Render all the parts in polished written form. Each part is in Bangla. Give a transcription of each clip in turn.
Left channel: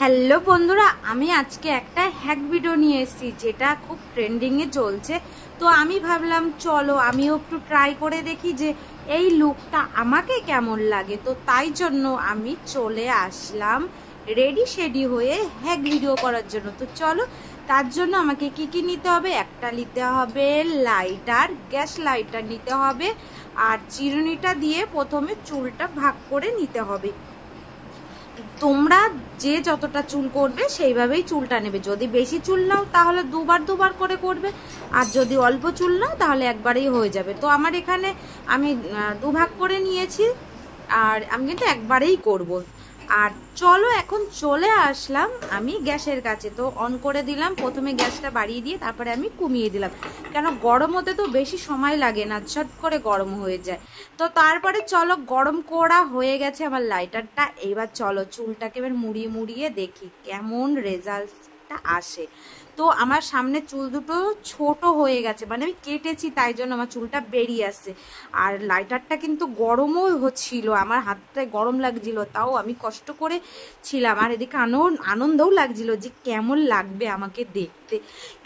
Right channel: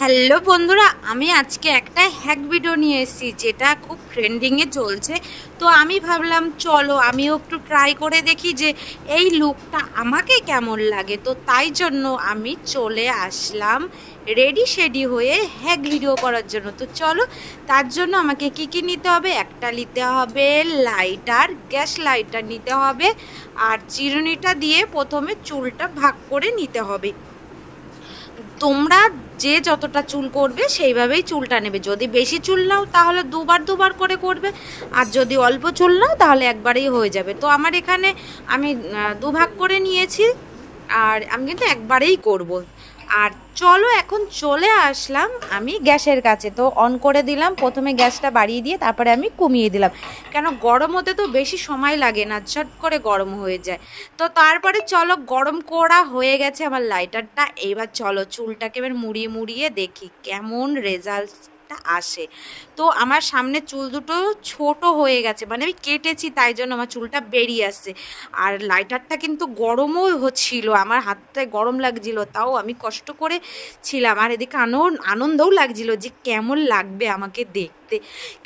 হ্যালো বন্ধুরা, আমি আজকে একটা হ্যাক ভিডিও নিয়ে এসেছি যেটা খুব ট্রেন্ডিংয়ে চলছে। তো আমি ভাবলাম চলো আমিও একটু ট্রাই করে দেখি যে এই লুকটা আমাকে কেমন লাগে। তো তাই জন্য আমি চলে আসলাম রেডি শেডি হয়ে হ্যাক ভিডিও করার জন্য। তো চলো, তার জন্য আমাকে কি কি নিতে হবে? একটা নিতে হবে লাইটার, গ্যাস লাইটার নিতে হবে, আর চিরুনিটা দিয়ে প্রথমে চুলটা ভাগ করে নিতে হবে। তোমরা যে যতটা চুল করবে সেইভাবেই চুলটা নেবে। যদি বেশি চুল নাও তাহলে দুবার দুবার করে করবে, আর যদি অল্প চুল নাও তাহলে একবারেই হয়ে যাবে। তো আমার এখানে আমি দুভাগ করে নিয়েছি, আর আমি কিন্তু একবারেই করব। আর চলো এখন চলে আসলাম আমি গ্যাসের কাছে। তো অন করে দিলাম, প্রথমে গ্যাসটা বাড়িয়ে দিয়ে তারপরে আমি কমিয়ে দিলাম, কেন গরম হতে তো বেশি সময় লাগে না, ঝট করে গরম হয়ে যায়। তো তারপরে চলো, গরম করা হয়ে গেছে আমার লাইটারটা। এবার চলো চুলটাকে এবার মুড়িয়ে মুড়িয়ে দেখি কেমন রেজাল্ট আসে। তো আমার সামনে চুল দুটো ছোট হয়ে গেছে, মানে আমি কেটেছি তাই জন্য আমার চুলটা বেরিয়ে আসছে। আর লাইটারটা কিন্তু গরমও হচ্ছিল, আমার হাতটা গরম লাগছিল, তাও আমি কষ্ট করে ছিলাম। আর এদিকে আনন্দও লাগছিল যে কেমন লাগবে আমাকে দেখতে,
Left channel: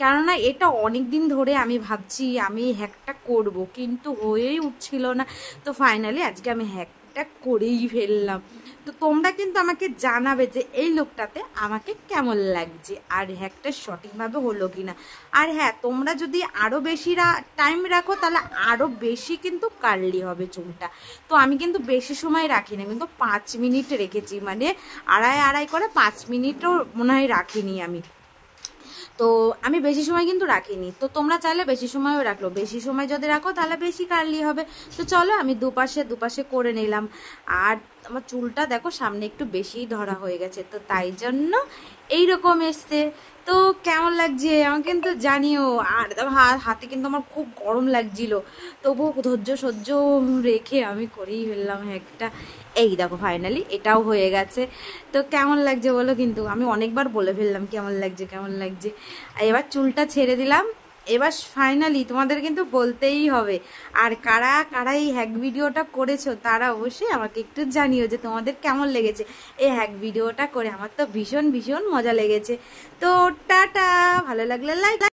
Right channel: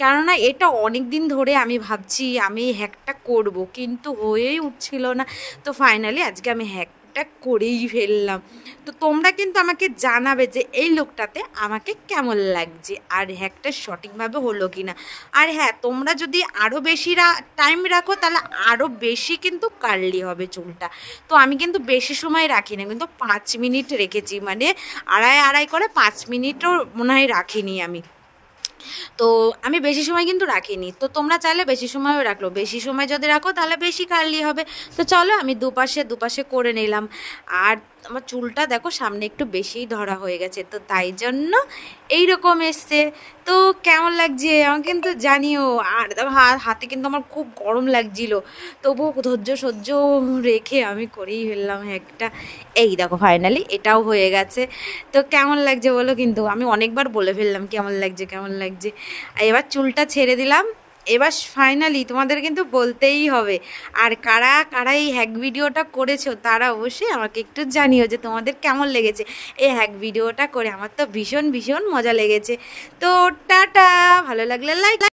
কেননা এটা অনেক দিন ধরে আমি ভাবছি আমি হ্যাকটা করব, কিন্তু হয়েই উঠছিল না। তো ফাইনালি আজকে আমি হ্যাকটা করেই ফেললাম। তো তোমরা কিন্তু আমাকে জানাবে যে এই লুকটাতে আমাকে কেমন লাগছে আর হ্যাকটা সঠিকভাবে হলো কিনা। আর হ্যাঁ, তোমরা যদি আরও বেশি টাইম রাখো তাহলে আরও বেশি কিন্তু কার্লি হবে চুলটা। তো আমি কিন্তু বেশি সময় রাখি না, কিন্তু 5 মিনিট রেখেছি, মানে আড়াই করে 5 মিনিটও মনে হয় রাখিনি আমি। তো আমি বেশি সময় কিন্তু রাখিনি। তো তোমরা চাইলে বেশি সময়ও রাখলো, বেশি সময় যদি রাখো তাহলে বেশি কার্লি হবে। তো চলো আমি দুপাশে দুপাশে করে নিলাম। আর আমার চুলটা দেখো সামনে একটু বেশিই ধরা হয়ে গেছে, তো তাই জন্য এইরকম এসছে। তো কেমন লাগছে আমার কিন্তু জানিও। আর হাতে কিন্তু আমার খুব গরম লাগছিল, তবুও ধৈর্য সহ্য রেখে আমি করেই ফেললাম একটা। এই দেখো ফাইনালি এটাও হয়ে গেছে। তো কেমন লাগছে বলো, কিন্তু আমি অনেকবার বলে ফেললাম কেমন লাগছে কেমন লাগছে। এবার চুলটা ছেড়ে দিলাম। এবার ফাইনালি তোমাদের কিন্তু বলতেই হবে, আর কারা কারা এই হ্যাক ভিডিওটা করেছো তারা অবশ্যই আমাকে একটু জানিও যে তোমাদের কেমন লেগেছে এই হ্যাক ভিডিওটা করে। আমার তো ভীষণ ভীষণ মজা লেগেছে। তো টাটা, ভালো লাগলে লাইক।